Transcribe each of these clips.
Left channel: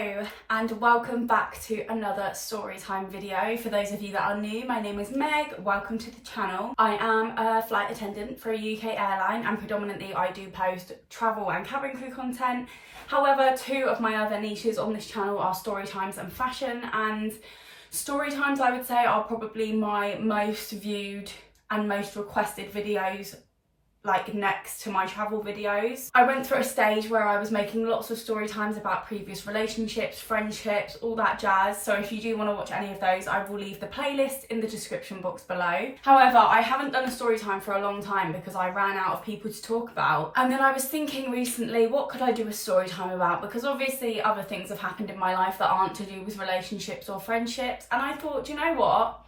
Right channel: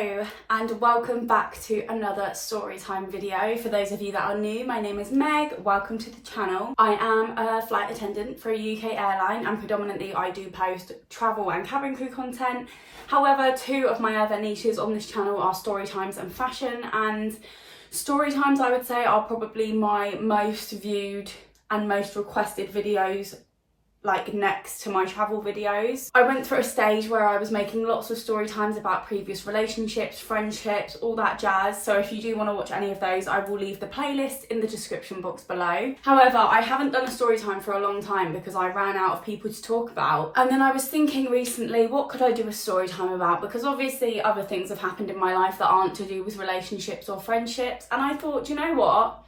Hello and welcome back to another Storytime video. For those of you that are new, my name is Meg, welcome to the channel. I am a flight attendant for a UK airline and predominantly I do post travel and cabin crew content. However, two of my other niches on this channel are Storytimes and fashion, and Storytimes I would say are probably my most viewed and most requested videos, like next to my travel videos. I went through a stage where I was making lots of story times about previous relationships, friendships, all that jazz. So if you do want to watch any of those, I will leave the playlist in the description box below. However, I haven't done a story time for a long time because I ran out of people to talk about. And then I was thinking recently, what could I do a story time about? Because obviously other things have happened in my life that aren't to do with relationships or friendships. And I thought, you know what?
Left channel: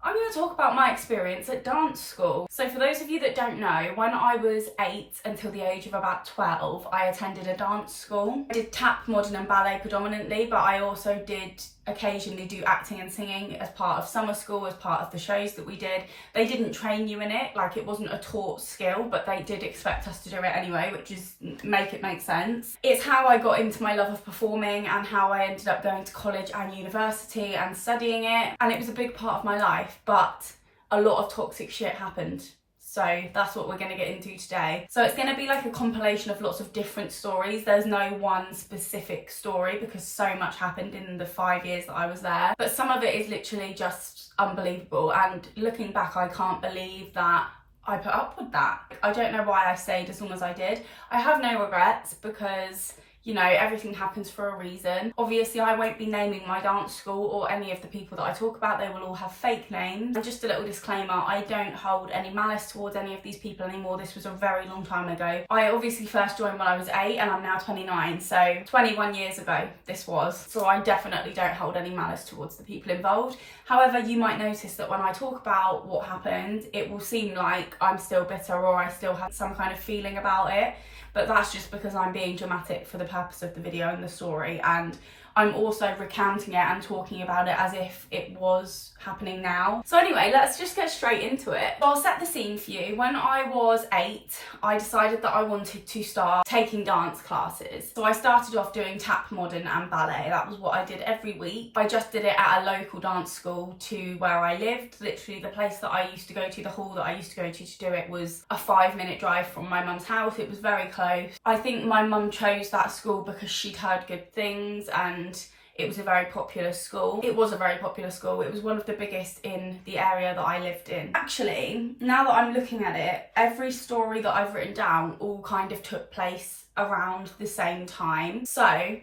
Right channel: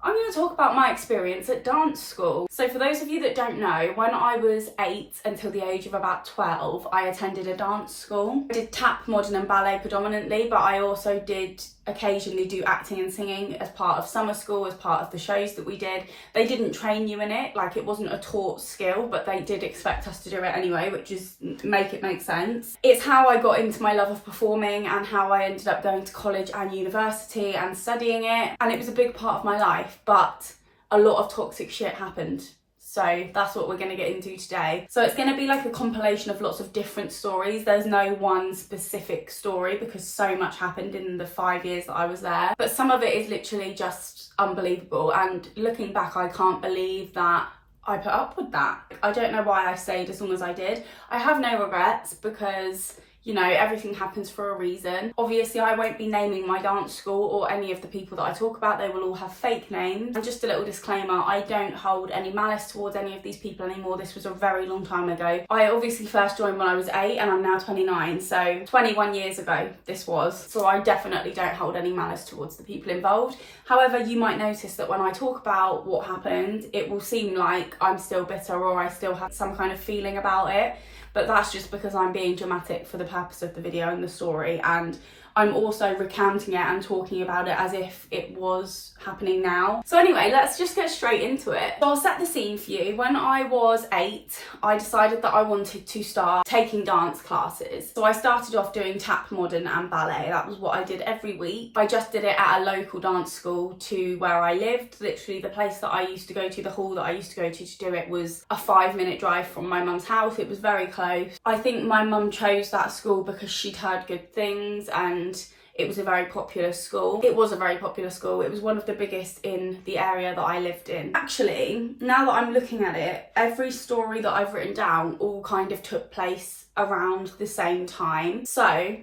I'm going to talk about my experience at dance school. So for those of you that don't know, when I was 8 until the age of about 12, I attended a dance school. I did tap, modern and ballet predominantly, but I also did occasionally do acting and singing as part of summer school, as part of the shows that we did. They didn't train you in it, like it wasn't a taught skill, but they did expect us to do it anyway, which is make sense. It's how I got into my love of performing and how I ended up going to college and university and studying it. And it was a big part of my life, but a lot of toxic shit happened. So that's what we're going to get into today. So it's going to be like a compilation of lots of different stories. There's no one specific story because so much happened in the 5 years that I was there. But some of it is literally just unbelievable. And looking back, I can't believe that I put up with that. I don't know why I stayed as long as I did. I have no regrets because, you know, everything happens for a reason. Obviously, I won't be naming my dance school or any of the people that I talk about. They will all have fake names. And just a little disclaimer, I don't hold any malice towards any of these people anymore. This was a very long time ago. I obviously first joined when I was 8 and I'm now 29. So 21 years ago this was. So I definitely don't hold any malice towards the people involved. However, you might notice that when I talk about what happened, it will seem like I'm still bitter or I still have some kind of feeling about it. But that's just because I'm being dramatic for the purpose of the video and the story, and I'm also recounting it and talking about it as if it was happening now. So anyway, let's just get straight into it. So I'll set the scene for you. When I was 8, I decided that I wanted to start taking dance classes. So I started off doing tap, modern and ballet. That was what I did every week. I just did it at a local dance school to where I lived. Literally the place that I used to go to, the hall that I used to go to do it was a 5-minute drive from my mum's house. It was very close. I think my mum chose that school because she'd heard good things and it was a very popular school. It was a very popular school. It was one of the biggest in the area that I lived in. Actually, now that I'm looking at it, every story that I've written down all kind of took place around the same time. So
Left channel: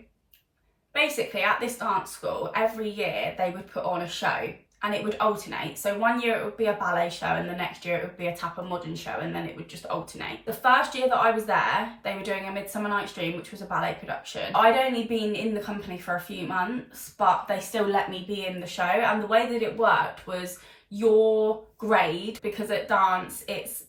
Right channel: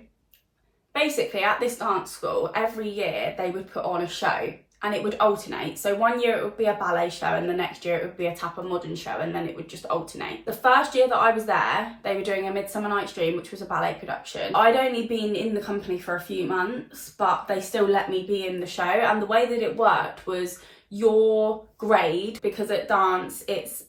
basically at this dance school, every year they would put on a show and it would alternate. So one year it would be a ballet show and the next year it would be a tap and modern show, and then it would just alternate. The first year that I was there, they were doing A Midsummer Night's Dream, which was a ballet production. I'd only been in the company for a few months, but they still let me be in the show. And the way that it worked was your grade, because at dance it's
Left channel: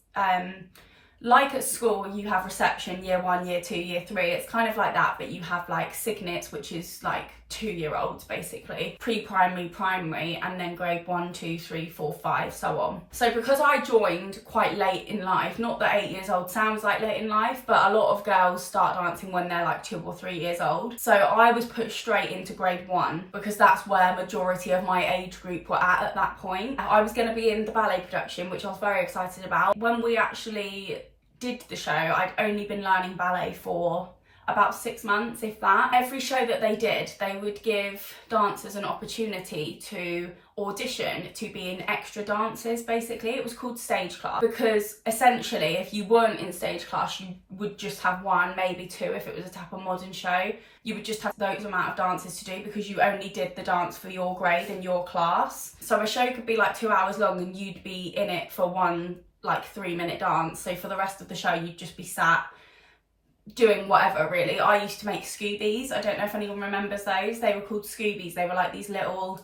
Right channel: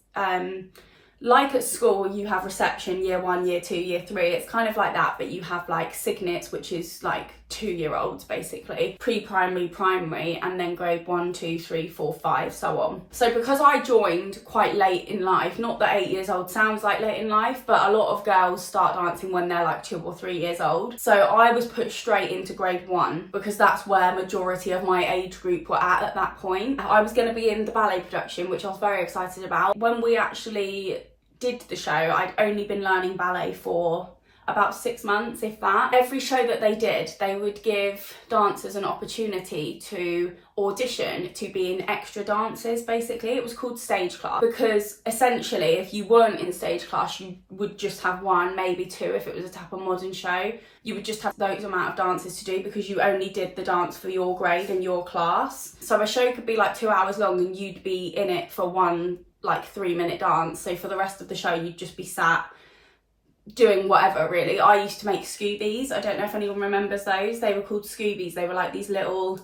like at school you have reception, year 1, year 2, year 3. It's kind of like that, but you have like signets, which is like 2-year-olds basically, pre-primary, primary, and then grade 1, 2, 3, 4, 5, so on. So because I joined quite late in life, not that 8 years old sounds like late in life, but a lot of girls start dancing when they're like 2 or 3 years old. So I was put straight into grade 1 because that's where majority of my age group were at that point. I was going to be in the ballet production, which I was very excited about. When we actually did the show, I'd only been learning ballet for about 6 months, if that. Every show that they did, they would give dancers an opportunity to audition to be in extra dances, basically. It was called stage class because essentially if you weren't in stage class, you would just have 1, maybe 2 if it was a tap and modern show. You would just have those amount of dances to do because you only did the dance for your grade and your class. So a show could be like 2 hours long and you'd be in it for one like 3-minute dance. So for the rest of the show, you'd just be sat doing whatever, really. I used to make Scoobies. I don't know if anyone remembers those. They were called Scoobies. They were like these little,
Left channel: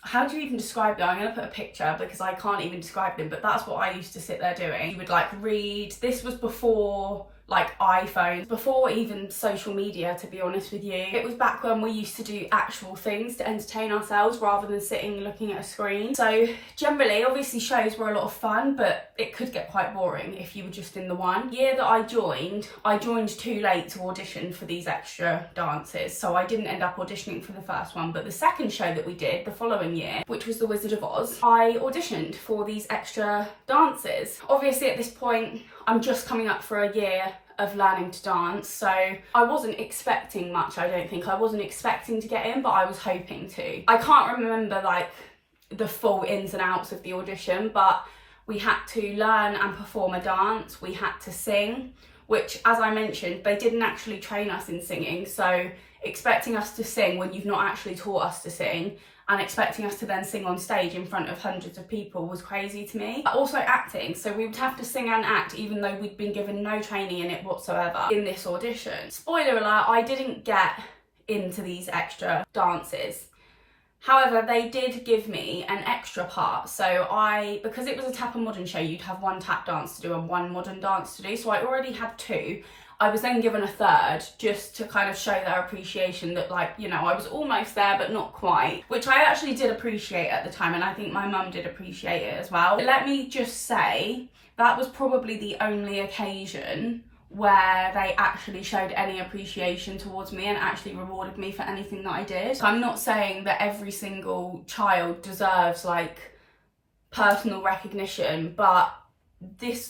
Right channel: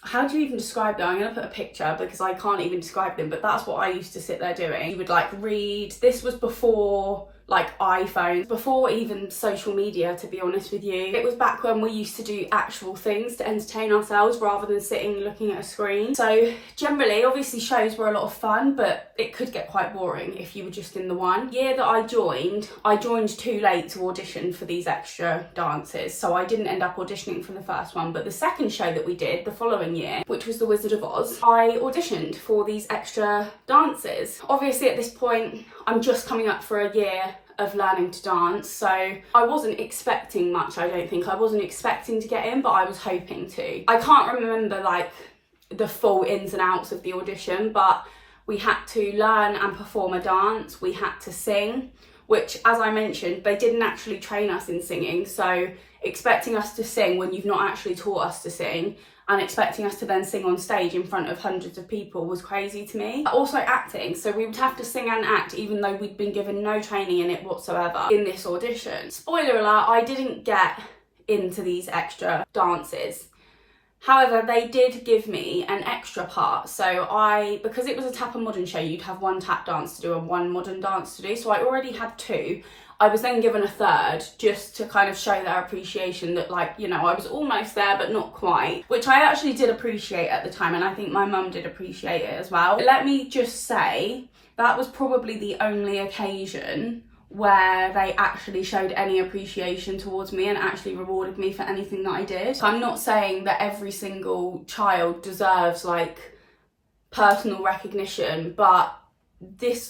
how do you even describe them? I'm going to put a picture because I can't even describe them, but that's what I used to sit there doing. You would like read. This was before like iPhones, before even social media, to be honest with you. It was back when we used to do actual things to entertain ourselves rather than sitting looking at a screen. So generally, obviously shows were a lot of fun, but it could get quite boring if you were just in the one. The year that I joined too late to audition for these extra dances, so I didn't end up auditioning for the first one, but the second show that we did the following year, which was The Wizard of Oz, I auditioned for these extra dances. Obviously at this point, I'm just coming up for a year of learning to dance, so I wasn't expecting much. I don't think I wasn't expecting to get in, but I was hoping to. I can't remember like the full ins and outs of the audition, but we had to learn and perform a dance, we had to sing, which, as I mentioned, they didn't actually train us in singing, so expecting us to sing when you've not actually taught us to sing and expecting us to then sing on stage in front of hundreds of people was crazy to me. Also acting, so we would have to sing and act even though we'd been given no training in it whatsoever in this audition. Spoiler alert, I didn't get into these extra dances. However, they did give me an extra part, so because it was a tap and modern show, you'd have one tap dance to do and one modern dance to do, so I already had two. I was then given a third just to kind of show their appreciation that, like, you know, I was almost there but not quite, which I actually did appreciate at the time, and I think my mum did appreciate it as well. Let me just say that was probably the only occasion where they actually showed any appreciation towards me and actually rewarded me for anything that I did. So I'm not saying that every single child deserves like personal recognition, but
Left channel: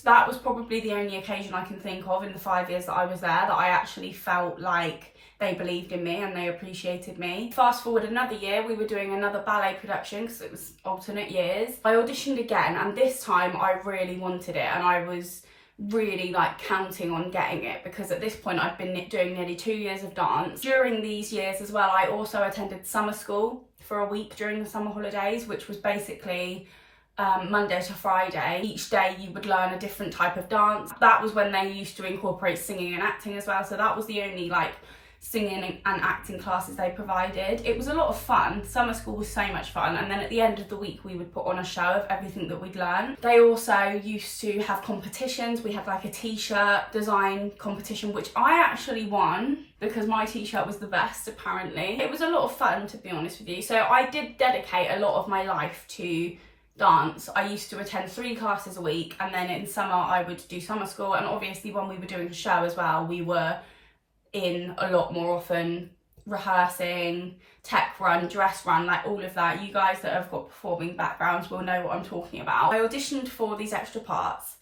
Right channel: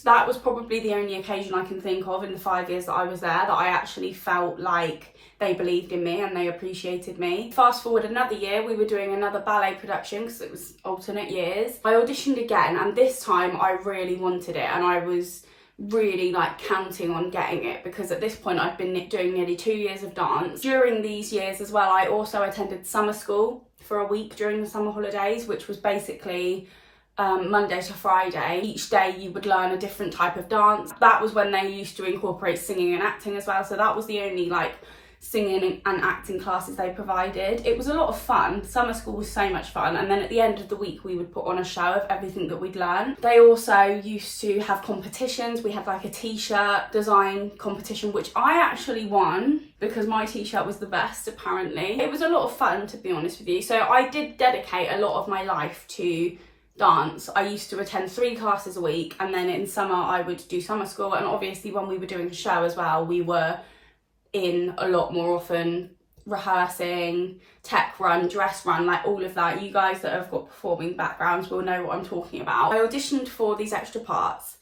that was probably the only occasion I can think of in the 5 years that I was there that I actually felt like they believed in me and they appreciated me. Fast forward another year, we were doing another ballet production because it was alternate years. I auditioned again, and this time I really wanted it and I was really like counting on getting it, because at this point I'd been doing nearly 2 years of dance. During these years as well, I also attended summer school for a week during the summer holidays, which was basically Monday to Friday. Each day you would learn a different type of dance. That was when they used to incorporate singing and acting as well, so that was the only like singing and acting classes they provided. It was a lot of fun. Summer school was so much fun, and then at the end of the week we would put on a show of everything that we'd learned. They also used to have competitions. We had like a t-shirt design competition, which I actually won because my t-shirt was the best apparently. It was a lot of fun, to be honest with you, so I did dedicate a lot of my life to dance. I used to attend 3 classes a week, and then in summer I would do summer school, and obviously when we were doing a show as well, we were in a lot more often, rehearsing, tech run, dress run, like all of that. You guys that have got performing backgrounds will know what I'm talking about. I auditioned for these extra parts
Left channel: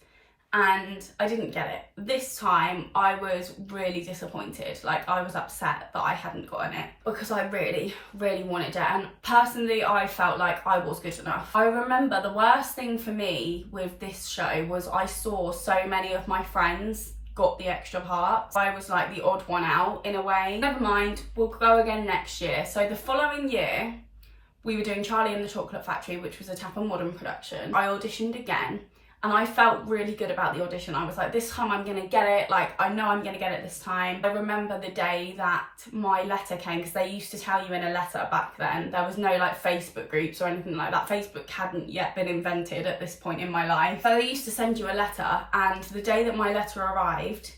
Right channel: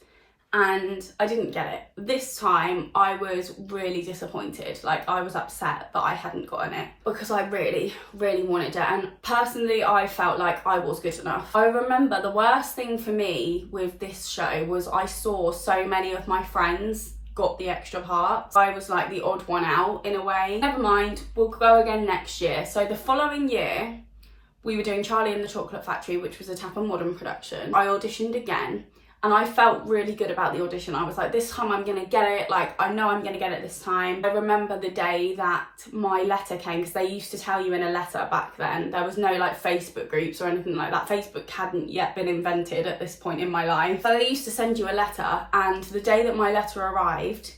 and I didn't get it. This time I was really disappointed. Like, I was upset that I hadn't gotten it because I really, really wanted it, and personally I felt like I was good enough. I remember the worst thing for me with this show was I saw so many of my friends got the extra parts. I was like the odd one out in a way. Never mind, we'll go again next year. So the following year we were doing Charlie and the Chocolate Factory, which was a tap and modern production. I auditioned again and I felt really good about the audition. I was like, this time I'm gonna get it. Like, I know I'm gonna get it this time. I remember the day that my letter came, because they used to tell you in a letter back then. There was no like Facebook groups or anything like that. Facebook hadn't yet been invented at this point in my life. So they used to send you a letter, and the day that my letter arrived,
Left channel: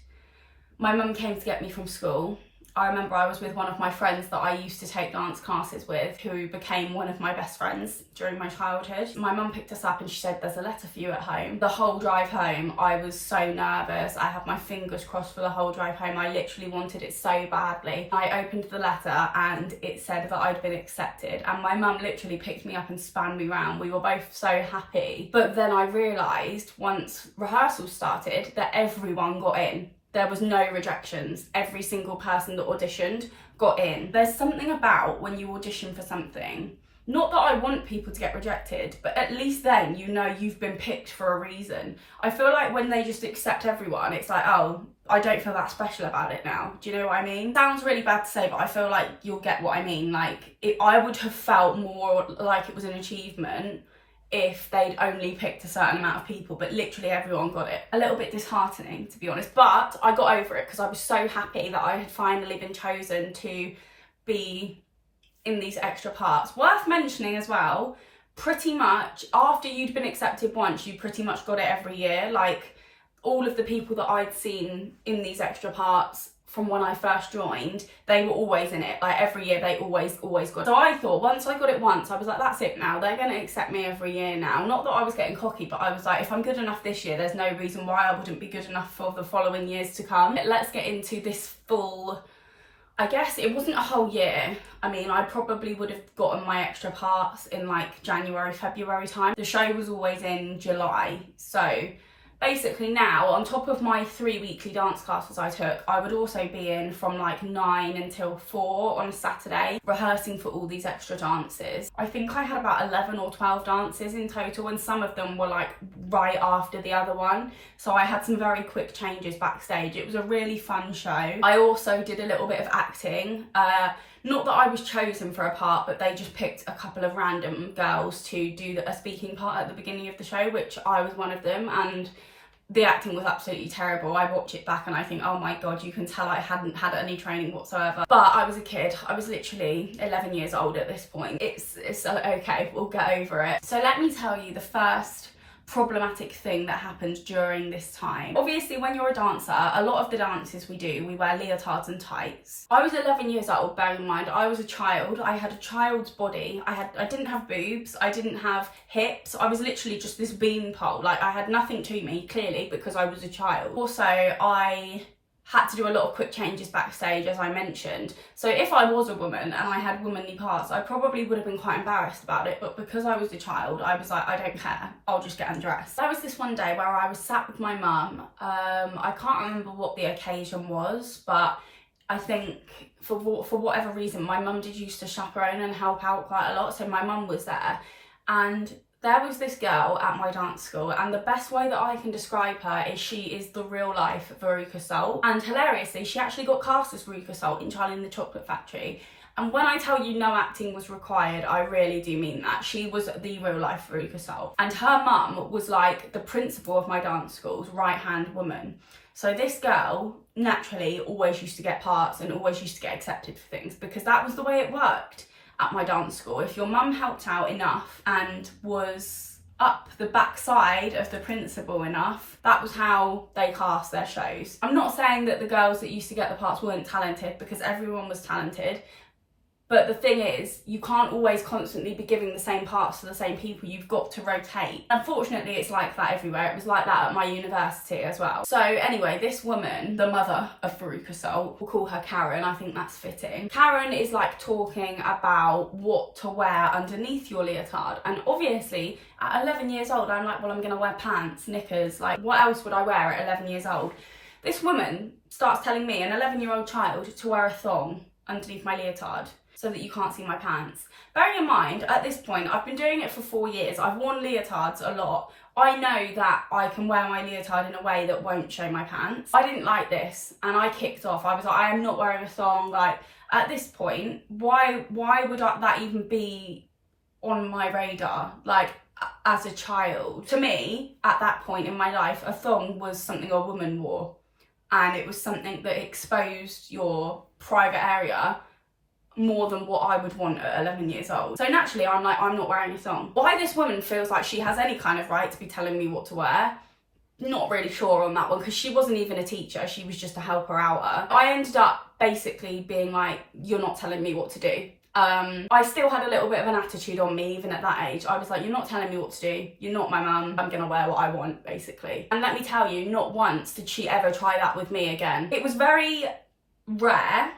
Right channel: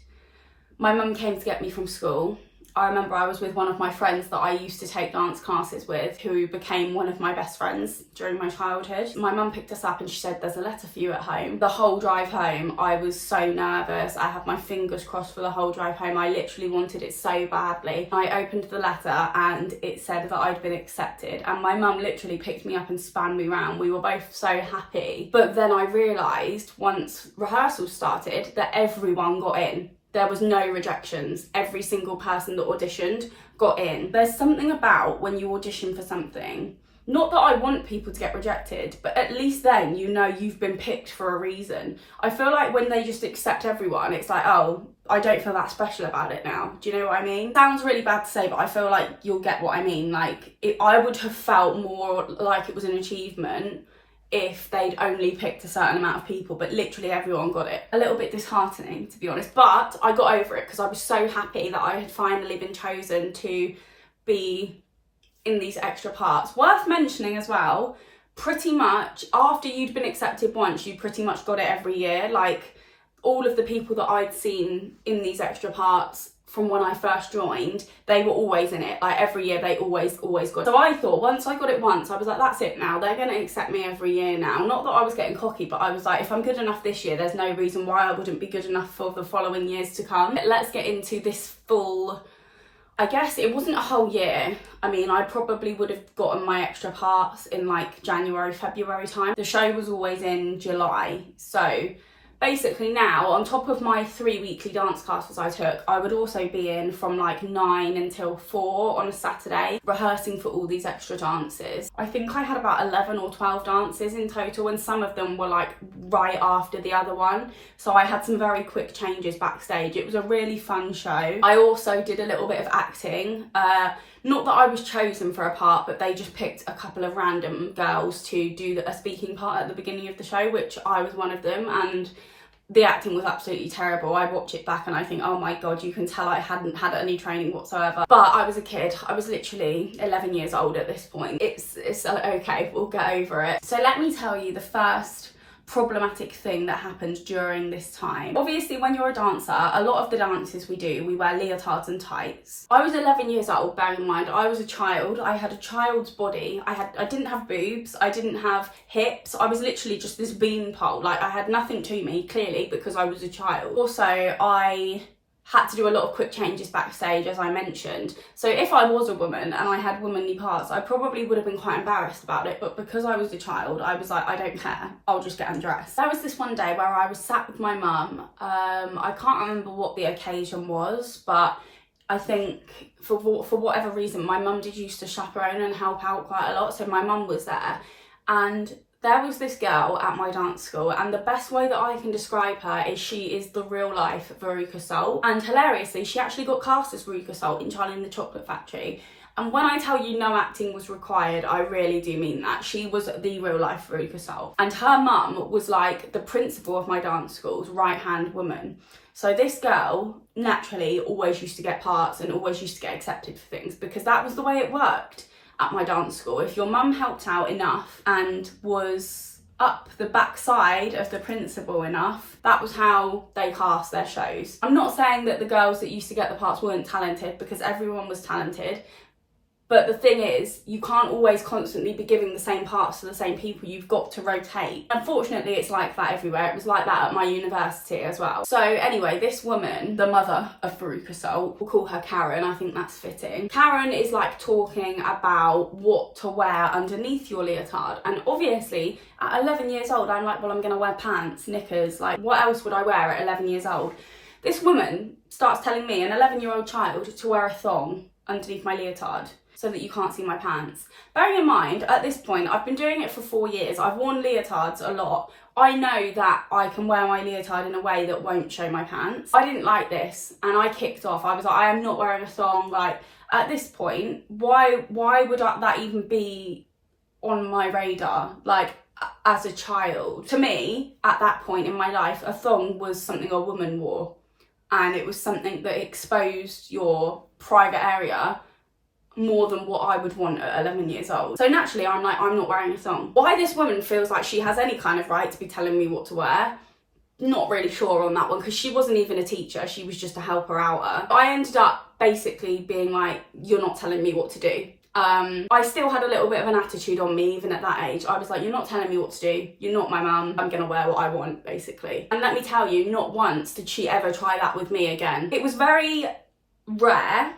my mum came to get me from school. I remember I was with one of my friends that I used to take dance classes with, who became one of my best friends during my childhood. My mum picked us up and she said, there's a letter for you at home. The whole drive home, I was so nervous. I had my fingers crossed for the whole drive home. I literally wanted it so badly. I opened the letter and it said that I'd been accepted, and my mum literally picked me up and spun me round. We were both so happy. But then I realised once rehearsals started that everyone got in. There was no rejections. Every single person that auditioned got in. There's something about when you audition for something, not that I want people to get rejected, but at least then you know you've been picked for a reason. I feel like when they just accept everyone, it's like, oh, I don't feel that special about it now. Do you know what I mean? Sounds really bad to say, but I feel like you'll get what I mean. Like, I would have felt more like it was an achievement if they'd only picked a certain amount of people, but literally everyone got it. A little bit disheartening, to be honest, but I got over it because I was so happy that I had finally been chosen to be in these extra parts. Worth mentioning as well, pretty much after you'd been accepted once, you pretty much got it every year. Like, all of the people that I'd seen in these extra parts from when I first joined, they were always in it. Like every year they always got it. So I thought once I got it once, I was like, that's it now. They're going to accept me every year now. Not that I was getting cocky, but I was like, if I'm good enough this year, there's no reason why I wouldn't be good enough for the following years to come. Let's get into this full, I guess it wasn't a whole year. I mean, I probably would have gotten my extra parts in like January, February time. The show was always in July. So basically now, on top of my 3 weekly dance classes I took, I would also be in from like 9 until 4 on a Saturday, rehearsing for all these extra dances. I think I had about 11 or 12 dances in total, and some of them were like right after the other one. So I had some very quick changes backstage. It was a really fun show. I also did a little bit of acting. Not that I was chosen for a part, but they just picked a couple of random girls to do a speaking part at the beginning of the show, which I was one of them, and the acting was absolutely terrible. I watch it back and I think, oh my God, you can tell I hadn't had any training whatsoever. But I was a kid. I was literally 11 years old at this point. It's okay, we'll get over it. So let me tell you the first problematic thing that happened during this time. Obviously, when you're a dancer, a lot of the dances we wear leotards and tights. I was 11 years old, bearing in mind I was a child. I had a child's body. I didn't have boobs, I didn't have hips. I was literally just this beanpole. Like, I had nothing to me, clearly, because I was a child. Also, I had to do a lot of quick changes backstage, as I mentioned. So if I was a woman and I had womanly parts, I probably would have been quite embarrassed about it. But because I was a child, I was like, I don't care, I'll just get undressed. There was this one day where I was sat with my mum. I can't remember what the occasion was, but I think for whatever reason, my mum did used to chaperone and help out quite a lot. So my mum was there, and there was this girl at my dance school, and the best way that I can describe her is she is the real life Veruca Salt. And hilariously, she actually got cast as Veruca Salt in Charlie and the Chocolate Factory. And when I tell you no acting was required, I really do mean that. She was the real life Veruca Salt. And her mum was like the principal of my dance school's right-hand woman. So this girl naturally always used to get parts and always used to get accepted for things, because that was the way it worked at my dance school. If your mum helped out enough and was up the backside of the principal enough, that was how they cast their shows. I'm not saying that the girls that used to get the parts weren't talented, because everyone was talented. But the thing is, you can't always constantly be giving the same parts to the same people. You've got to rotate. Unfortunately, it's like that everywhere. It was like that at my university as well. So anyway, this woman, the mother of Veruca Salt, we'll call her Karen, I think that's fitting. Karen is like talking about what to wear underneath your leotard. And obviously, at 11 years old, I'm like, well, I'm gonna wear pants, knickers. Like, what else would I wear at 11 years old? This woman starts telling me, an 11-year-old child, to wear a thong underneath my leotard, so that you can't see my pants. Bearing in mind, at this point, I've been doing it for 4 years. I've worn leotards a lot. I know that I can wear my leotard in a way that won't show my pants. I didn't like this, and I kicked off. I was like, I am not wearing a thong. Like, at this point, why would that even be on my radar? Like, as a child. To me, at that point in my life, a thong was something a woman wore, and it was something that exposed your private area more than what I would want at 11 years old. So naturally, I'm like, I'm not wearing a thong. Why this woman feels like she has any kind of right to be telling me what to wear, not really sure on that one, because she wasn't even a teacher, she was just a helper outer. I ended up basically being like, you're not telling me what to do. I still had a little bit of an attitude on me even at that age. I was like, you're not telling me what to do, you're not my mum, I'm gonna wear what I want, basically. And let me tell you, not once did she ever try that with me again. It was very rare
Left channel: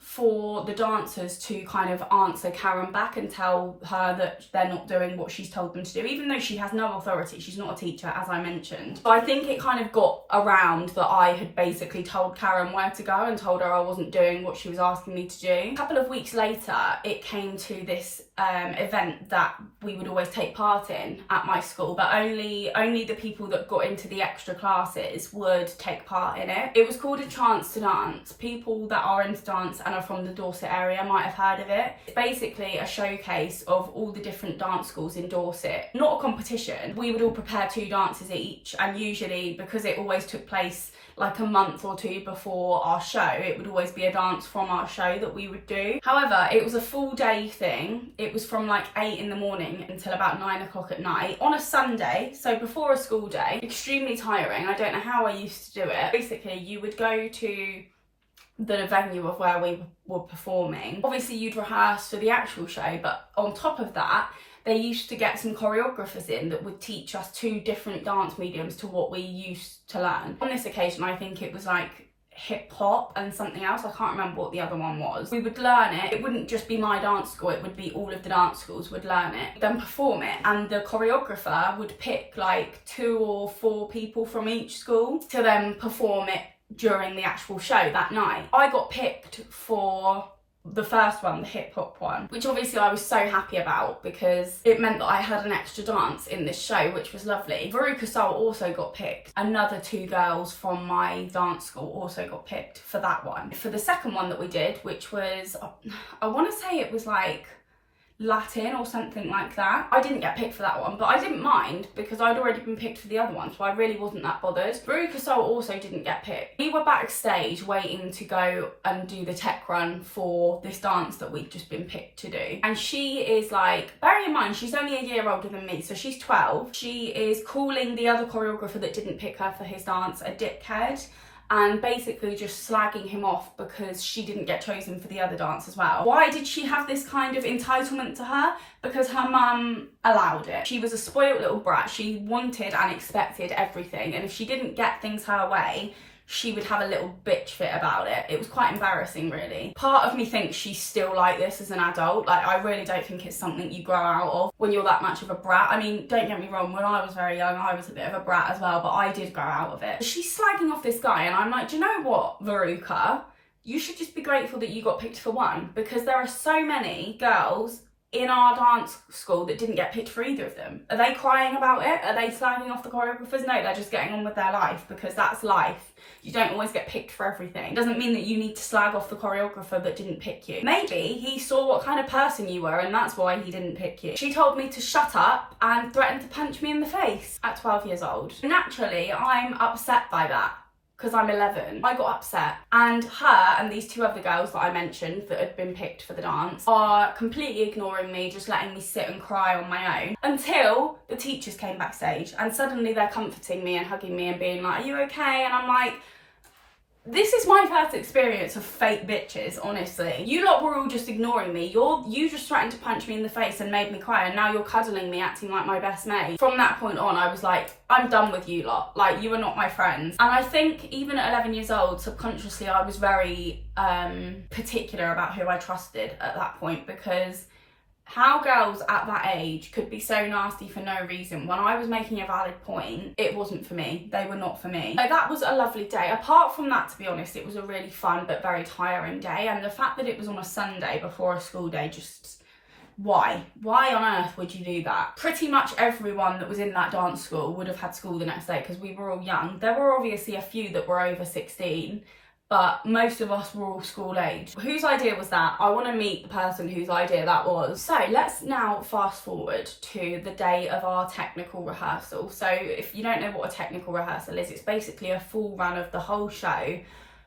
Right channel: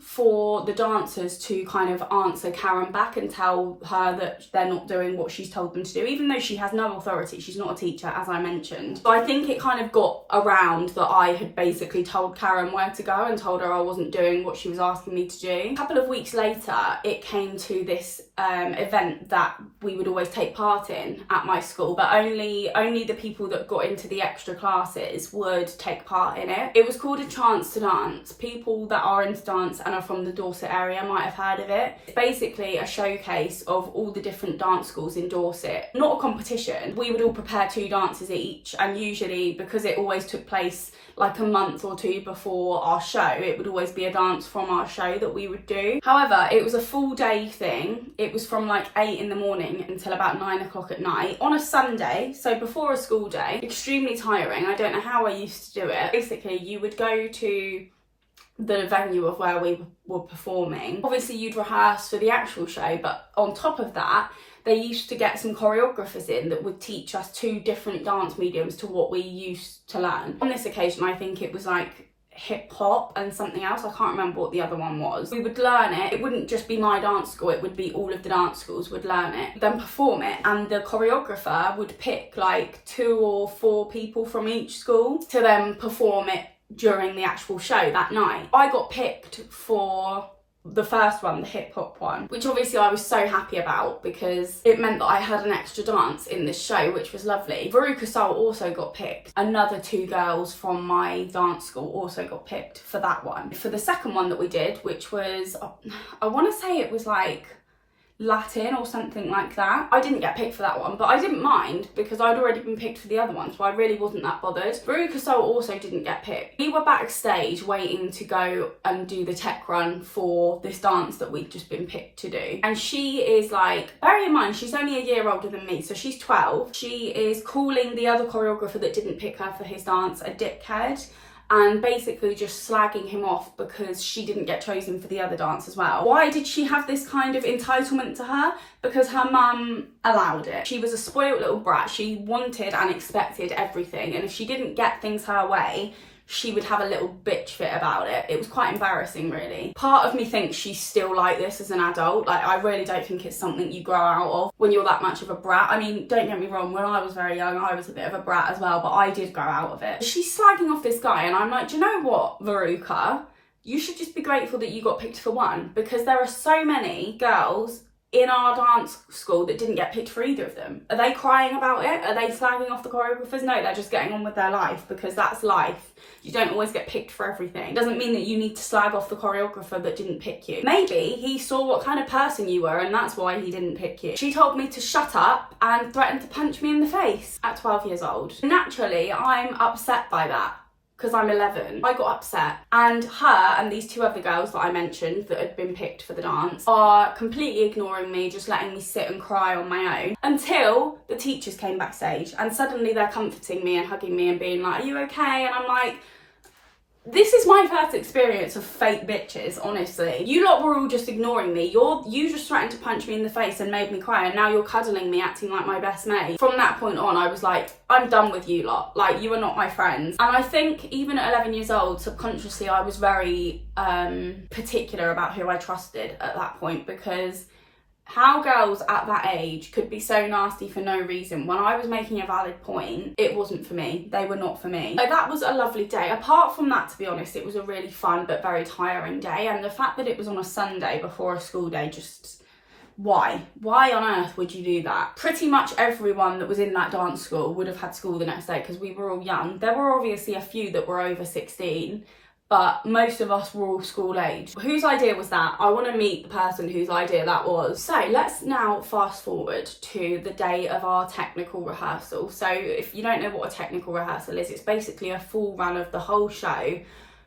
for the dancers to kind of answer Karen back and tell her that they're not doing what she's told them to do, even though she has no authority. She's not a teacher, as I mentioned. So I think it kind of got around that I had basically told Karen where to go and told her I wasn't doing what she was asking me to do. A couple of weeks later, it came to this event that we would always take part in at my school, but only the people that got into the extra classes would take part in it. It was called a chance to dance. People that are into dance and are from the Dorset area might have heard of it. It's basically a showcase of all the different dance schools in Dorset. Not a competition. We would all prepare 2 dances each, and usually, because it always took place like a month or 2 before our show, it would always be a dance from our show that we would do. However, it was a full day thing. it was from like 8 in the morning until about 9 o'clock at night on a Sunday, so before a school day. Extremely tiring. I don't know how I used to do it. Basically, you would go to the venue of where we were performing. Obviously, you'd rehearse for the actual show, but on top of that, they used to get some choreographers in that would teach us 2 different dance mediums to what we used to learn. On this occasion, I think it was like hip hop and something else. I can't remember what the other one was. We would learn it. It wouldn't just be my dance school, it would be all of the dance schools would learn it, then perform it, and the choreographer would pick like 2 or 4 people from each school to then perform it during the actual show that night. I got picked for the first one, the hip hop one, which obviously I was so happy about because it meant that I had an extra dance in this show, which was lovely. Veruca Salt also got picked. Another 2 girls from my dance school also got picked for that one. For the second one that we did, which was, I want to say it was like Latin or something like that. I didn't get picked for that one, but I didn't mind because I'd already been picked for the other one, so I really wasn't that bothered. Veruca Salt also didn't get picked. We were backstage waiting to go and do the tech run for this dance that we'd just been picked to do. And she is like, bearing in mind, she's only a year older than me, so she's 12. She is calling the other choreographer that didn't pick her for his dance a dickhead, and basically just slagging him off because she didn't get chosen for the other dance as well. Why did she have this kind of entitlement to her? Because her mum allowed it. She was a spoiled little brat. She wanted and expected everything, and if she didn't get things her way, she would have a little bitch fit about it. It was quite embarrassing, really. Part of me thinks she's still like this as an adult. Like, I really don't think it's something you grow out of when you're that much of a brat. I mean, don't get me wrong, when I was very young, I was a bit of a brat as well, but I did grow out of it. She's slagging off this guy, and I'm like, do you know what, Veruca? You should just be grateful that you got picked for one, because there are so many girls in our dance school that didn't get picked for either of them. Are they crying about it? Are they slagging off the choreographers? No, they're just getting on with their life, because that's life. You don't always get picked for everything. It doesn't mean that you need to slag off the choreographer that didn't pick you. Maybe he saw what kind of person you were and that's why he didn't pick you. She told me to shut up and threatened to punch me in the face at 12 years old. Naturally, I'm upset by that because I'm 11. I got upset, and her and these 2 other girls that I mentioned that had been picked for the dance are completely ignoring me, just letting me sit and cry on my own until the teachers came backstage, and suddenly they're comforting me and hugging me and being like, are you okay? And I'm like, this is my first experience of fake bitches, honestly. You lot were all just ignoring me. You just threatened to punch me in the face and made me cry, and now you're cuddling me, acting like my best mate. From that point on, I was like, I'm done with you lot. Like, you are not my friends. And I think even at 11 years old, subconsciously, I was very particular about who I trusted at that point, because how girls at that age could be so nasty for no reason. When I was making a valid point, it wasn't for me. They were not for me. So that was a lovely day. Apart from that, to be honest, it was a really fun but very tiring day. And the fact that it was on a Sunday before a school day, just why? Why on earth would you do that? Pretty much everyone that was in that dance school would have had school the next day because we were all young. There were obviously a few that were over 16, but most of us were all school age. Whose idea was that? I want to meet the person whose idea that was. So let's now fast forward to the day of our technical rehearsal. So if you don't know what a technical rehearsal is, it's basically a full run of the whole show.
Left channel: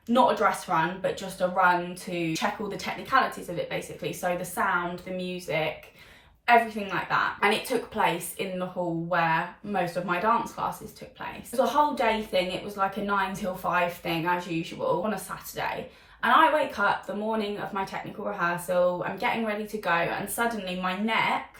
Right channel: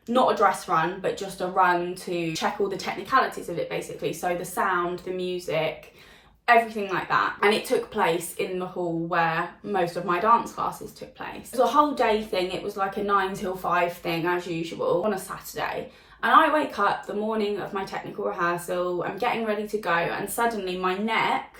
Not a dress run, but just a run to check all the technicalities of it, basically. So the sound, the music, everything like that. And it took place in the hall where most of my dance classes took place. It was a whole day thing. It was like a 9 till 5 thing as usual on a Saturday. And I wake up the morning of my technical rehearsal, I'm getting ready to go, and suddenly my neck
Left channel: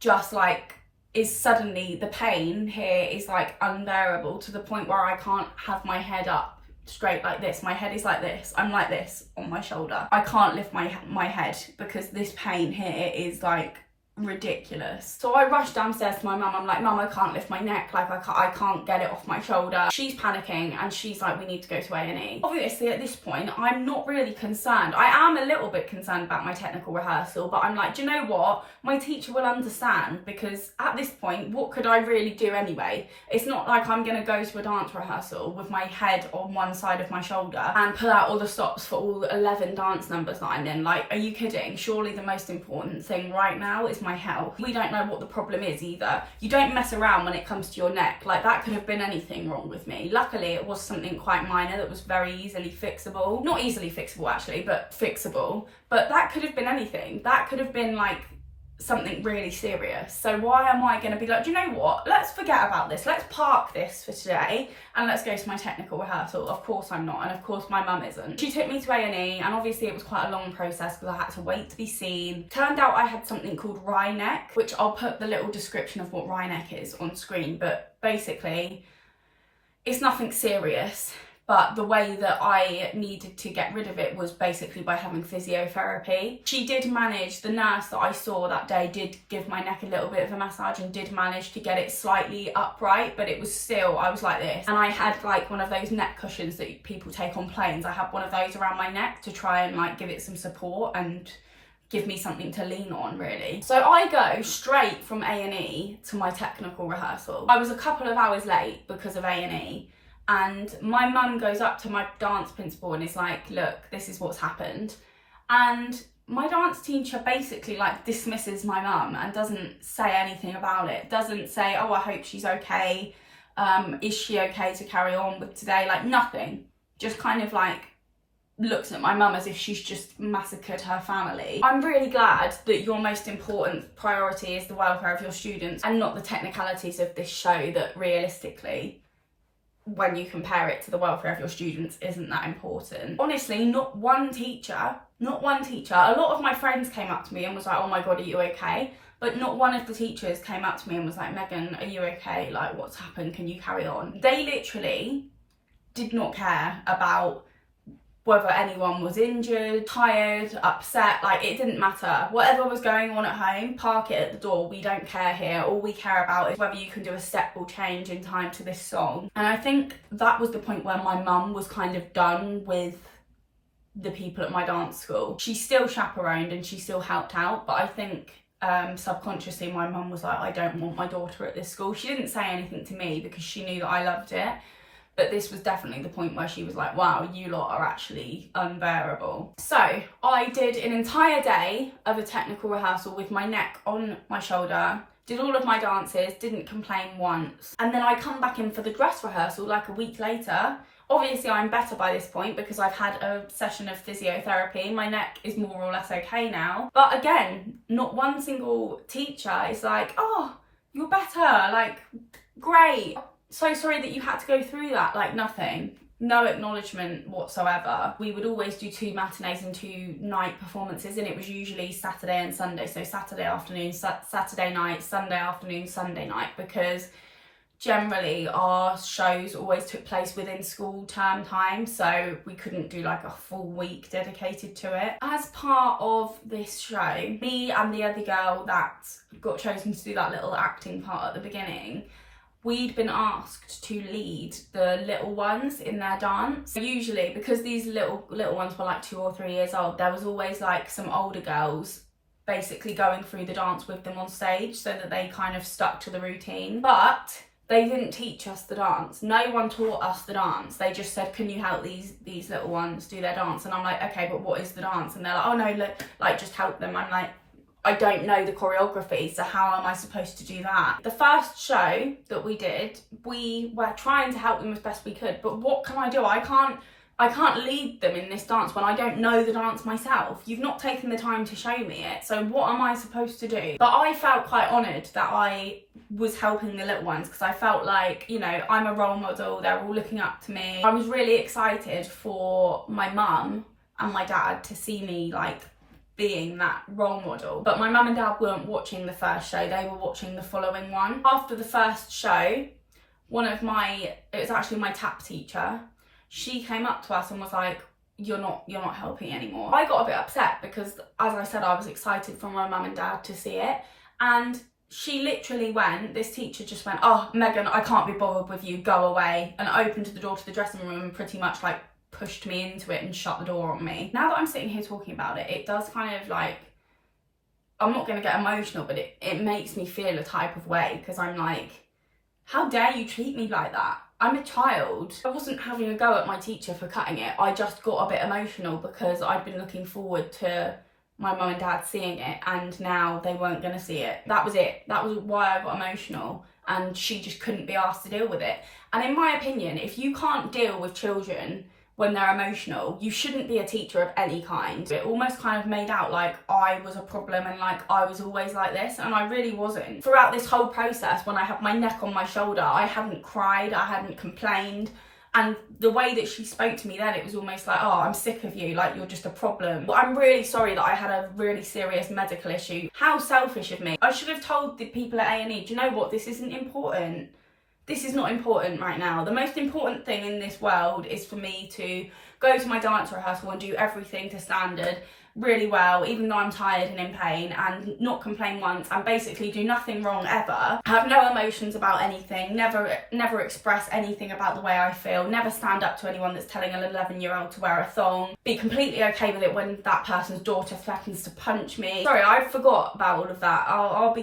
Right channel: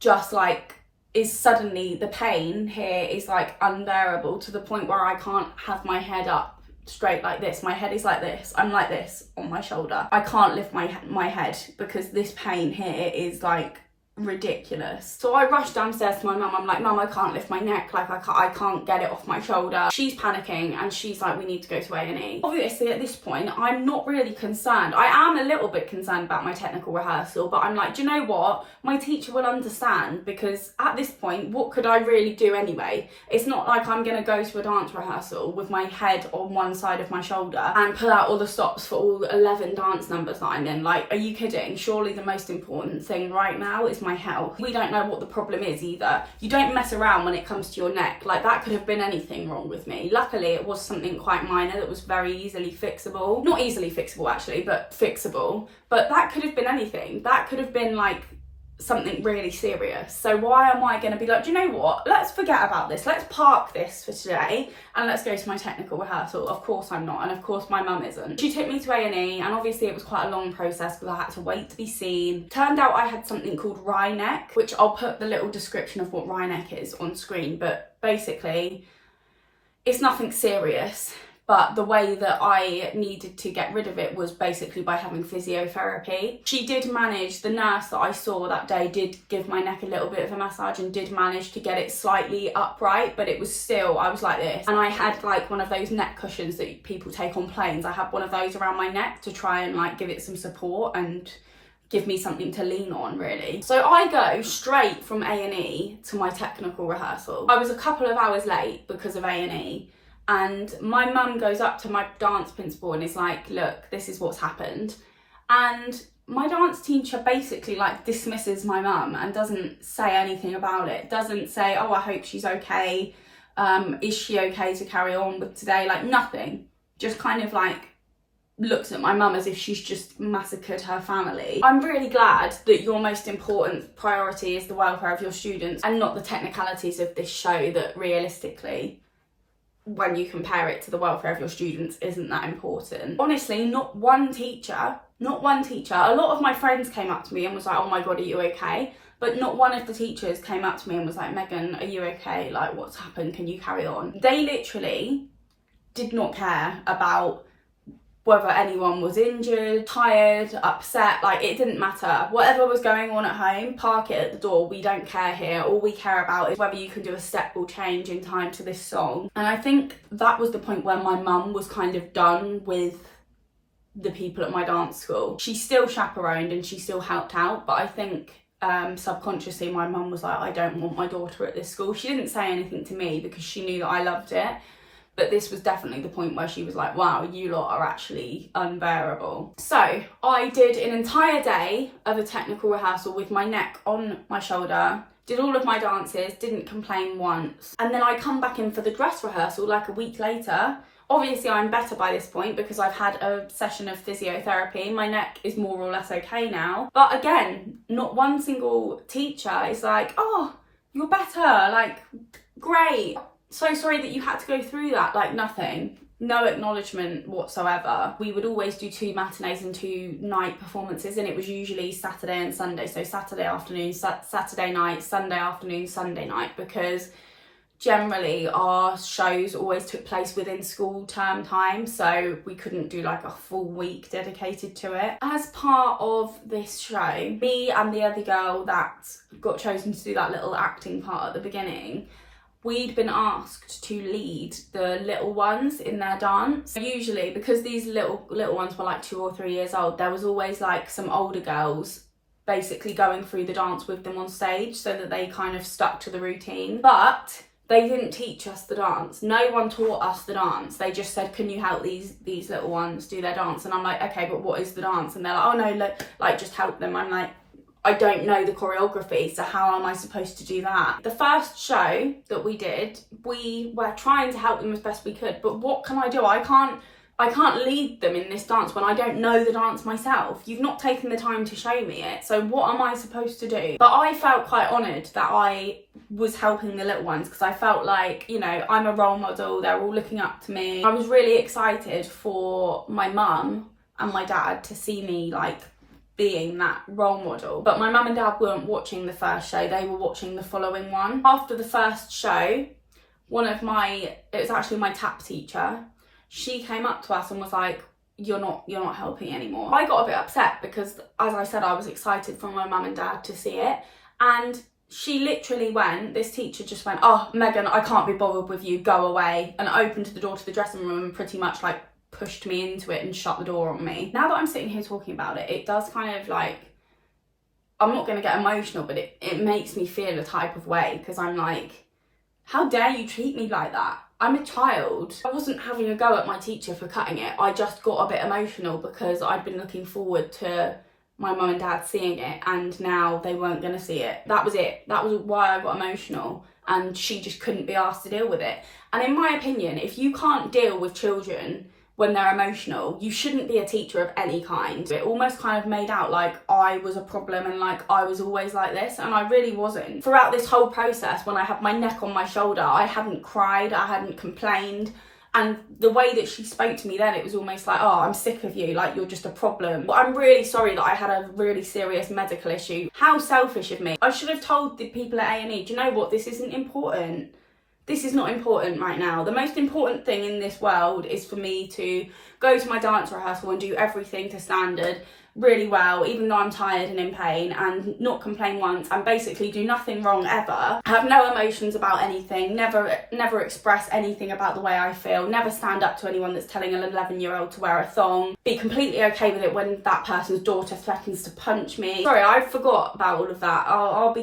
just like is suddenly, the pain here is like unbearable to the point where I can't have my head up straight like this. My head is like this. I'm like this on my shoulder. I can't lift my head because this pain here is like ridiculous. So I rushed downstairs to my mum. I'm like, Mum, I can't lift my neck, like I can't get it off my shoulder. She's panicking and she's like, we need to go to A&E. Obviously at this point I'm not really concerned. I am a little bit concerned about my technical rehearsal, but I'm like, do you know what, my teacher will understand, because at this point what could I really do anyway? It's not like I'm gonna go to a dance rehearsal with my head on one side of my shoulder and pull out all the stops for all 11 dance numbers that I'm in. Like, are you kidding? Surely the most important thing right now is my health. We don't know what the problem is either. You don't mess around when it comes to your neck. Like, that could have been anything wrong with me. Luckily it was something quite minor that was very easily fixable. Not easily fixable actually, but fixable. But that could have been anything. That could have been like something really serious. So why am I going to be like, do you know what, let's forget about this, let's park this for today and let's go to my technical rehearsal? Of course I'm not, and of course my mum isn't. She took me to A&E, and obviously it was quite a long process because I had to wait to be seen. Turned out I had something called wry neck, which I'll put the little description of what wry neck is on screen, but basically it's nothing serious. But the way that I needed to get rid of it was basically by having physiotherapy. She did manage, the nurse that I saw that day did give my neck a little bit of a massage and did manage to get it slightly upright, but it was still, I was like this. And I had like one of those neck cushions that people take on planes. I had one of those around my neck to try and like give it some support and give me something to lean on, really. So I go straight from A&E to my technical rehearsal. I was a couple of hours late because of A&E. And my mum goes up to my dance principal and is like, look, this is what's happened. And my dance teacher basically like dismisses my mum and doesn't say anything about it. Doesn't say, oh, I hope she's okay. Is she okay to carry on with today? Like nothing. Just kind of like looks at my mum as if she's just massacred her family. I'm really glad that your most important priority is the welfare of your students and not the technicalities of this show that realistically, when you compare it to the welfare of your students, isn't that important. Honestly, not one teacher, a lot of my friends came up to me and was like, oh my God, are you okay? But not one of the teachers came up to me and was like, Megan, are you okay? Like, what's happened? Can you carry on? They literally did not care about whether anyone was injured, tired, upset, like it didn't matter. Whatever was going on at home, park it at the door. We don't care here. All we care about is whether you can do a step or change in time to this song. And I think that was the point where my mum was kind of done with the people at my dance school. She still chaperoned and she still helped out, but I think subconsciously my mum was like, I don't want my daughter at this school. She didn't say anything to me because she knew that I loved it. But this was definitely the point where she was like, wow, you lot are actually unbearable. So I did an entire day of a technical rehearsal with my neck on my shoulder, did all of my dances, didn't complain once. And then I come back in for the dress rehearsal like a week later. Obviously I'm better by this point because I've had a session of physiotherapy. My neck is more or less okay now. But again, not one single teacher is like, oh, you're better, like, great. So sorry that you had to go through that, like nothing. No acknowledgement whatsoever. We would always do 2 matinees and 2 night performances, and it was usually Saturday and Sunday. So Saturday afternoon, Saturday night, Sunday afternoon, Sunday night, because generally our shows always took place within school term time, so we couldn't do like a full week dedicated to it. As part of this show, me and the other girl that got chosen to do that little acting part at the beginning, we'd been asked to lead the little ones in their dance. Usually, because these little ones were like 2 or 3 years old, there was always like some older girls basically going through the dance with them on stage so that they kind of stuck to the routine. But they didn't teach us the dance. No one taught us the dance. They just said, can you help these little ones do their dance? And I'm like, okay, but what is the dance? And they're like, oh no, like just help them. I'm like, I don't know the choreography, so how am I supposed to do that? The first show that we did, we were trying to help them as best we could, but what can I do? I can't lead them in this dance when I don't know the dance myself. You've not taken the time to show me it, so what am I supposed to do? But I felt quite honoured that I was helping the little ones because I felt like, you know, I'm a role model, they're all looking up to me. I was really excited for my mum and my dad to see me like being that role model. But my mum and dad weren't watching the first show, they were watching the following one. After the first show, it was actually my tap teacher, she came up to us and was like, you're not helping anymore. I got a bit upset because, as I said, I was excited for my mum and dad to see it, and she literally this teacher just went, oh, Megan, I can't be bothered with you, go away, and opened the door to the dressing room and pretty much like pushed me into it and shut the door on me. Now that I'm sitting here talking about it, it does kind of like, I'm not going to get emotional, but it makes me feel a type of way because I'm like, how dare you treat me like that? I'm a child. I wasn't having a go at my teacher for cutting it. I just got a bit emotional because I'd been looking forward to my mum and dad seeing it, and now they weren't going to see it. That was it. That was why I got emotional, and she just couldn't be asked to deal with it. And in my opinion, if you can't deal with children when they're emotional. You shouldn't be a teacher of any kind. It almost kind of made out like I was a problem and like I was always like this, and I really wasn't. Throughout this whole process, when I had my neck on my shoulder, I hadn't cried, I hadn't complained. And the way that she spoke to me then, it was almost like, oh, I'm sick of you, like you're just a problem. But I'm really sorry that I had a really serious medical issue. How selfish of me. I should have told the people at A&E, do you know what, this isn't important. This is not important right now. The most important thing in this world is for me to go to my dance rehearsal and do everything to standard really well, even though I'm tired and in pain, and not complain once, and basically do nothing wrong ever. Have no emotions about anything, never express anything about the way I feel, never stand up to anyone that's telling an 11-year-old to wear a thong, be completely okay with it when that person's daughter threatens to punch me. Sorry, I forgot about all of that. I'll be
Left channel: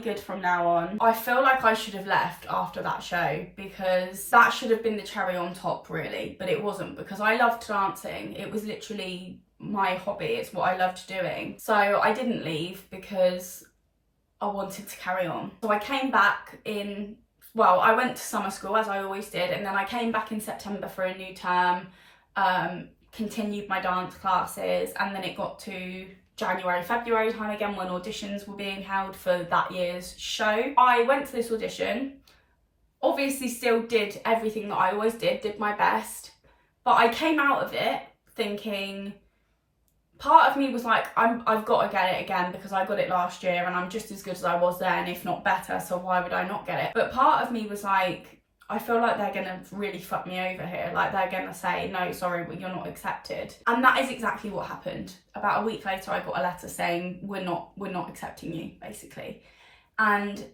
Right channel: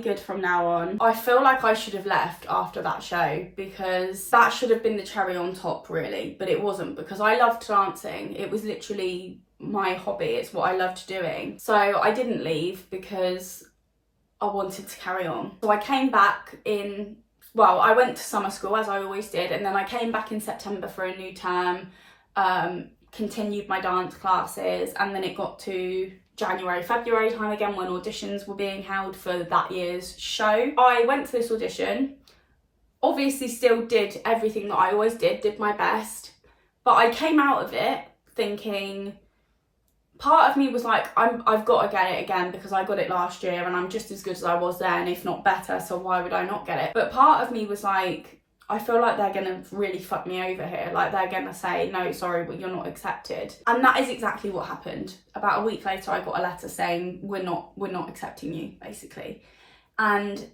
good from now on. I feel like I should have left after that show, because that should have been the cherry on top, really, but it wasn't, because I loved dancing. It was literally my hobby, it's what I loved doing. So I didn't leave because I wanted to carry on. So I came back I went to summer school as I always did, and then I came back in September for a new term, continued my dance classes, and then it got to January, February time again when auditions were being held for that year's show. I went to this audition, obviously still did everything that I always did my best, but I came out of it thinking, part of me was like, I've got to get it again because I got it last year and I'm just as good as I was then, if not better, so why would I not get it? But part of me was like, I feel like they're gonna really fuck me over here. Like they're gonna say, no, sorry, but you're not accepted. And that is exactly what happened. About a week later, I got a letter saying, we're not accepting you, basically. And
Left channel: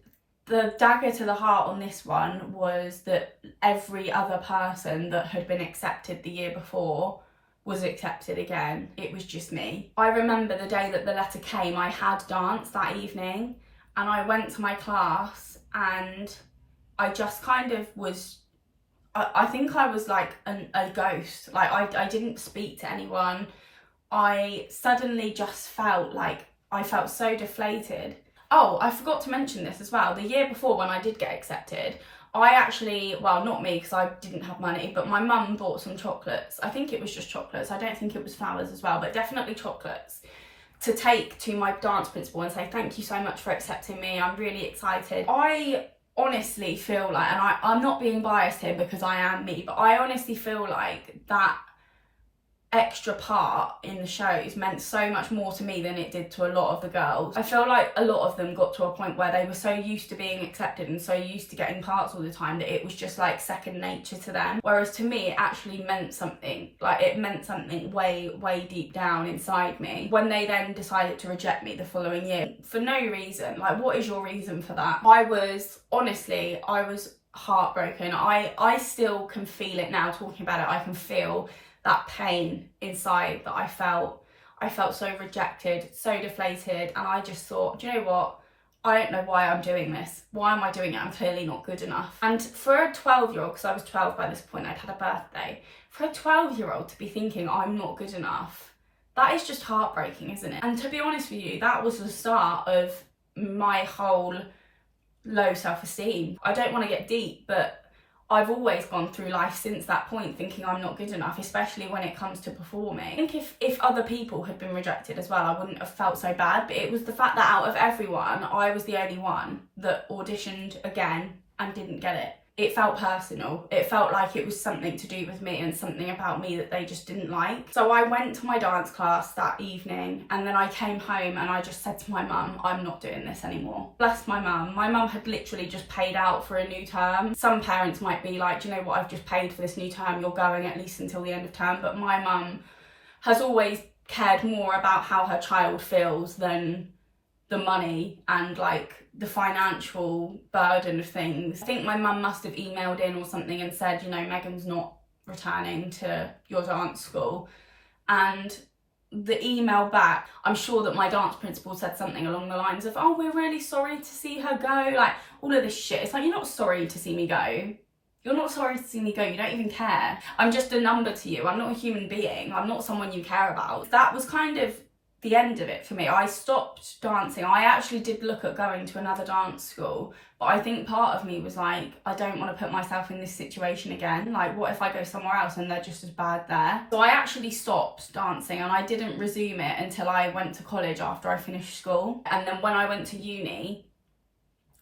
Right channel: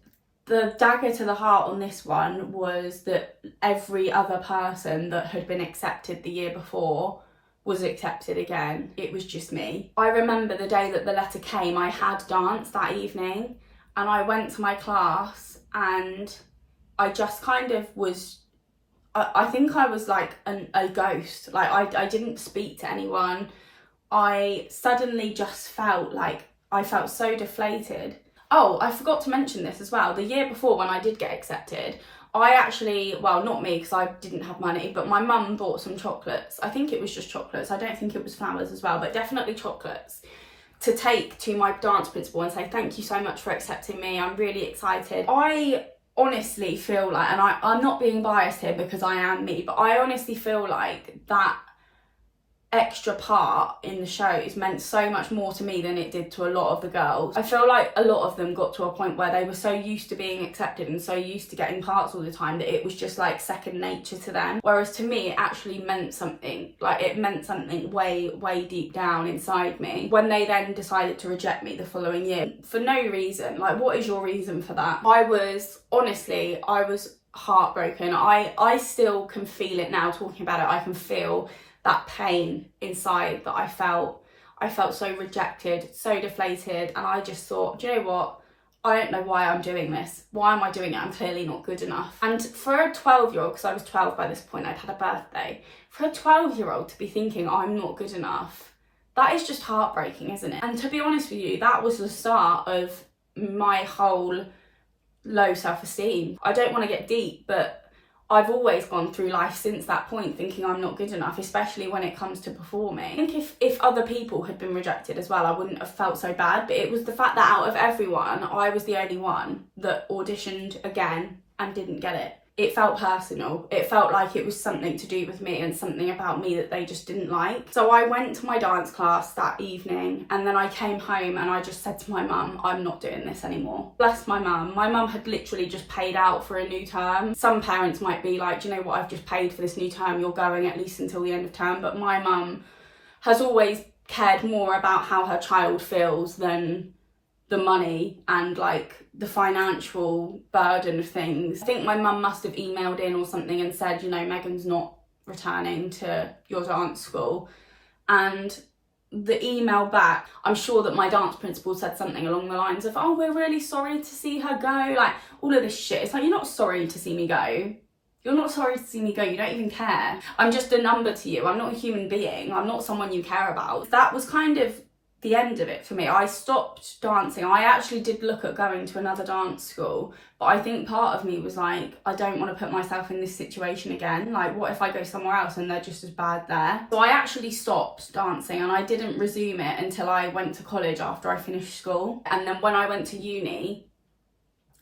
the dagger to the heart on this one was that every other person that had been accepted the year before was accepted again. It was just me. I remember the day that the letter came, I had dance that evening, and I went to my class and I just kind of was, I think I was like a ghost. Like I didn't speak to anyone. I suddenly just felt like, I felt so deflated. Oh, I forgot to mention this as well. The year before when I did get accepted, I actually, well, not me because I didn't have money, but my mum bought some chocolates. I think it was just chocolates. I don't think it was flowers as well, but definitely chocolates, to take to my dance principal and say, thank you so much for accepting me. I'm really excited. I honestly feel like, and I'm not being biased here because I am me, but I honestly feel like that extra part in the shows meant so much more to me than it did to a lot of the girls. I feel like a lot of them got to a point where they were so used to being accepted and so used to getting parts all the time that it was just like second nature to them. Whereas to me, it actually meant something. Like it meant something way deep down inside me. When they then decided to reject me the following year for no reason, like what is your reason for that? I was heartbroken. I still can feel it now talking about it. I can feel that pain inside that I felt. I felt so rejected, so deflated, and I just thought, do you know what? I don't know why I'm doing this. Why am I doing it? I'm clearly not good enough. And for a 12-year-old, because I was 12 by this point, I'd had a birthday, for a 12-year-old to be thinking I'm not good enough, that is just heartbreaking, isn't it? And to be honest with you, that was the start of my whole low self-esteem. I don't want to get deep, but I've always gone through life since that point thinking I'm not good enough, especially when it comes to performing. I think if other people had been rejected as well, I wouldn't have felt so bad, but it was the fact that out of everyone, I was the only one that auditioned again and didn't get it. It felt personal. It felt like it was something to do with me and something about me that they just didn't like. So I went to my dance class that evening and then I came home and I just said to my mum, I'm not doing this anymore. Bless my mum. My mum had literally just paid out for a new term. Some parents might be like, do you know what, I've just paid for this new term, you're going at least until the end of term. But my mum has always cared more about how her child feels than the money and like the financial burden of things. I think my mum must have emailed in or something and said, you know, Megan's not returning to your dance school. And the email back, I'm sure that my dance principal said something along the lines of, oh, we're really sorry to see her go. Like all of this shit. It's like, you're not sorry to see me go. You're not sorry to see me go. You don't even care. I'm just a number to you. I'm not a human being. I'm not someone you care about. That was kind of the end of it for me. I stopped dancing. I actually did look at going to another dance school, but I think part of me was like, I don't want to put myself in this situation again. Like, what if I go somewhere else and they're just as bad there? So I actually stopped dancing, and I didn't resume it until I went to college after I finished school. And then when I went to uni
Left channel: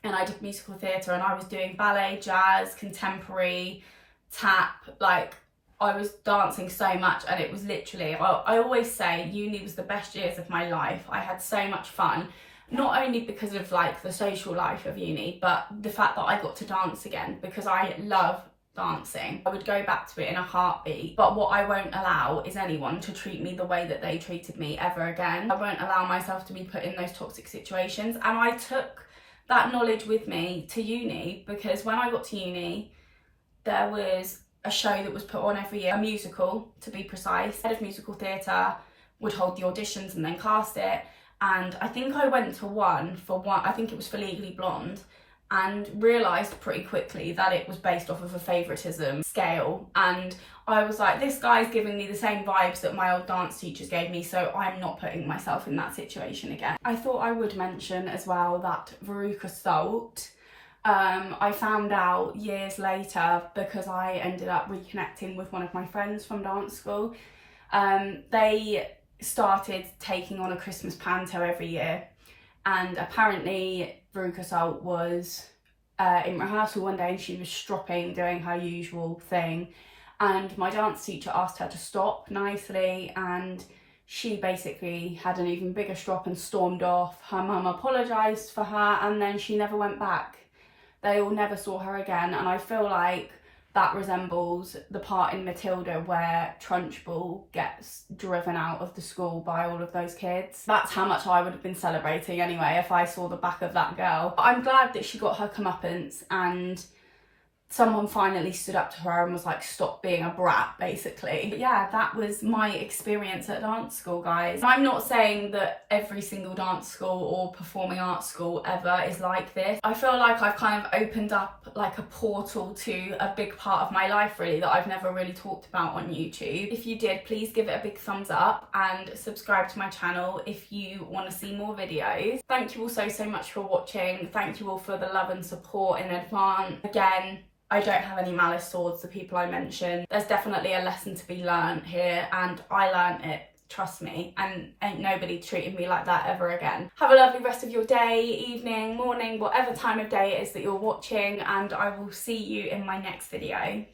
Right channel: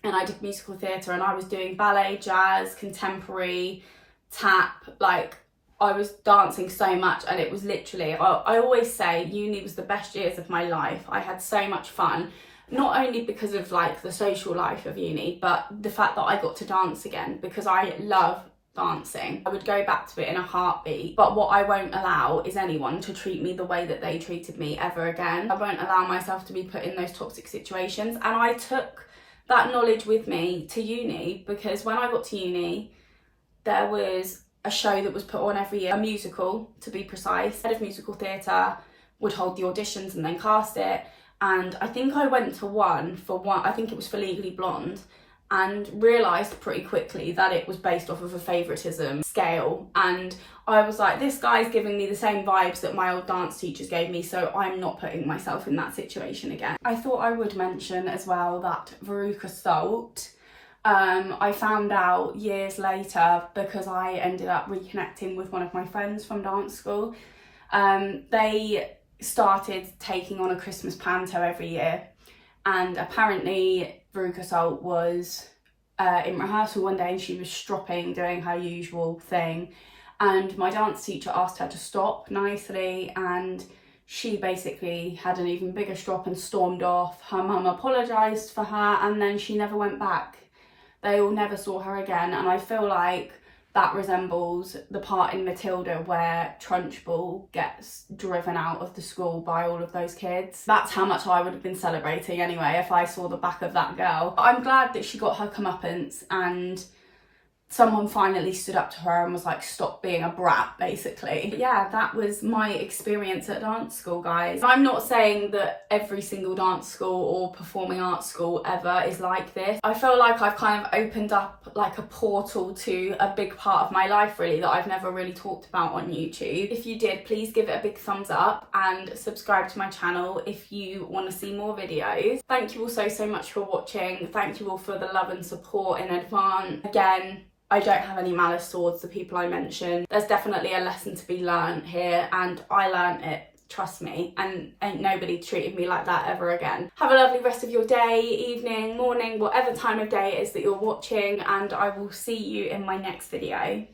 and I did musical theatre, and I was doing ballet, jazz, contemporary, tap, like, I was dancing so much, and it was literally, I always say uni was the best years of my life. I had so much fun, not only because of like the social life of uni, but the fact that I got to dance again, because I love dancing. I would go back to it in a heartbeat, but what I won't allow is anyone to treat me the way that they treated me ever again. I won't allow myself to be put in those toxic situations, and I took that knowledge with me to uni, because when I got to uni, there was a show that was put on every year, a musical to be precise. Head of musical theatre would hold the auditions and then cast it. And I think I went for one, I think it was for Legally Blonde, and realised pretty quickly that it was based off of a favouritism scale. And I was like, this guy's giving me the same vibes that my old dance teachers gave me, so I'm not putting myself in that situation again. I thought I would mention as well that Veruca Salt, I found out years later, because I ended up reconnecting with one of my friends from dance school. They started taking on a Christmas panto every year, and apparently Veruca Salt was in rehearsal one day and she was stropping, doing her usual thing, and my dance teacher asked her to stop nicely, and she basically had an even bigger strop and stormed off. Her mum apologised for her, and then she never went back. They all never saw her again, and I feel like that resembles the part in Matilda where Trunchbull gets driven out of the school by all of those kids. That's how much I would have been celebrating anyway if I saw the back of that girl. But I'm glad that she got her comeuppance, and someone finally stood up to her and was like, stop being a brat, basically. But yeah, that was my experience at dance school, guys. I'm not saying that every single dance school or performing arts school ever is like this. I feel like I've kind of opened up like a portal to a big part of my life, really, that I've never really talked about on YouTube. If you did, please give it a big thumbs up and subscribe to my channel if you want to see more videos. Thank you all so much for watching. Thank you all for the love and support in advance. Again, I don't have any malice towards the people I mentioned. There's definitely a lesson to be learned here, and I learned it, trust me, and ain't nobody treated me like that ever again. Have a lovely rest of your day, evening, morning, whatever time of day it is that you're watching, and I will see you in my next video.